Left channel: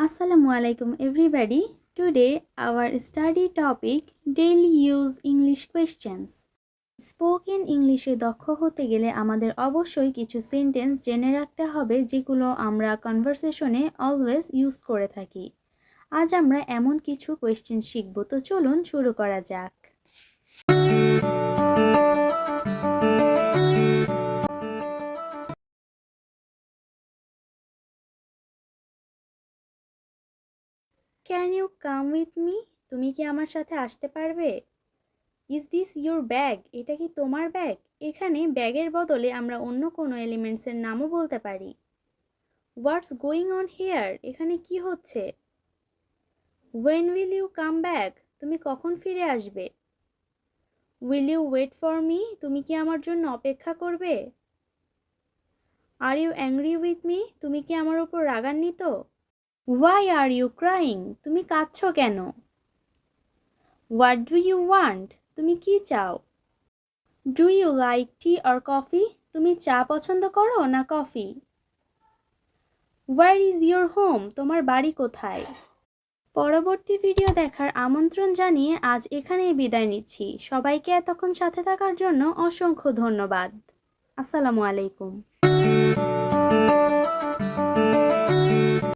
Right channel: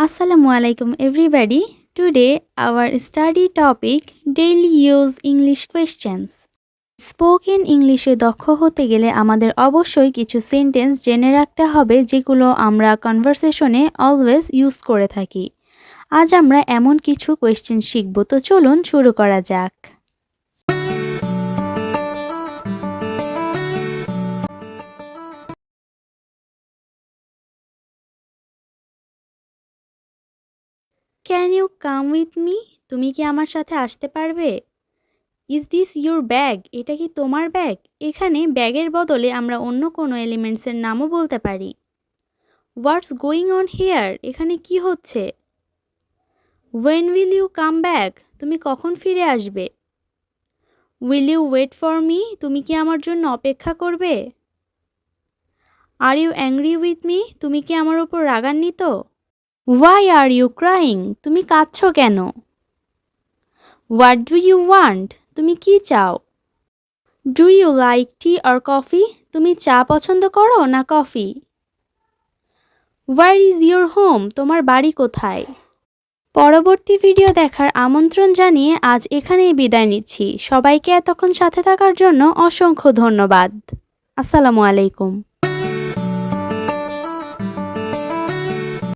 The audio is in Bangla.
Assalamualaikum everybody. Today our study topic daily use English questions. Spoken ইংলিশে দক্ষ হতে গেলে আমাদের অবশ্যই কিছু সেন্টেন্স জেনে রাখতে হবে যেগুলো আমরা কনভারসেশনে অলওয়েজ ইউজ করে থাকি। আজ আমরা এমন কিছু কোয়েশ্চেন শিখব, তো চলুন শুরু করা যাক। Can you come with me? তুমি কি আমার সাথে আসতে পারবে? Is this your bag? এটা কি তোমার ব্যাগ? এখানে ব্যাগের বদলে আমরা অন্য কোনো এলিমেন্টসের নামও বলতে পারি। What's going on here? এখানে কি হচ্ছে? When will you come back? তুমি কখন ফিরে আসবে? Will you wait for me? তুমি কি আমার জন্য অপেক্ষা করবে? Are you angry with me? তুমি কি আমার উপর রাগান্বিত? Why are you crying? তুমি কাঁদছো কেন? What do you want? তুমি কি চাও? Do you like tea or coffee? তুমি চা পছন্দ করো না coffee? Where is your home? তোমার বাড়ি কোথায়? পরবর্তী ভিডিও দেখার আমন্ত্রণ জানিয়ে আজ এখানেই বিদায় নিচ্ছি। সবাইকে এতক্ষণ সাথে থাকার জন্য অসংখ্য ধন্যবাদ। আসসালামু আলাইকুম।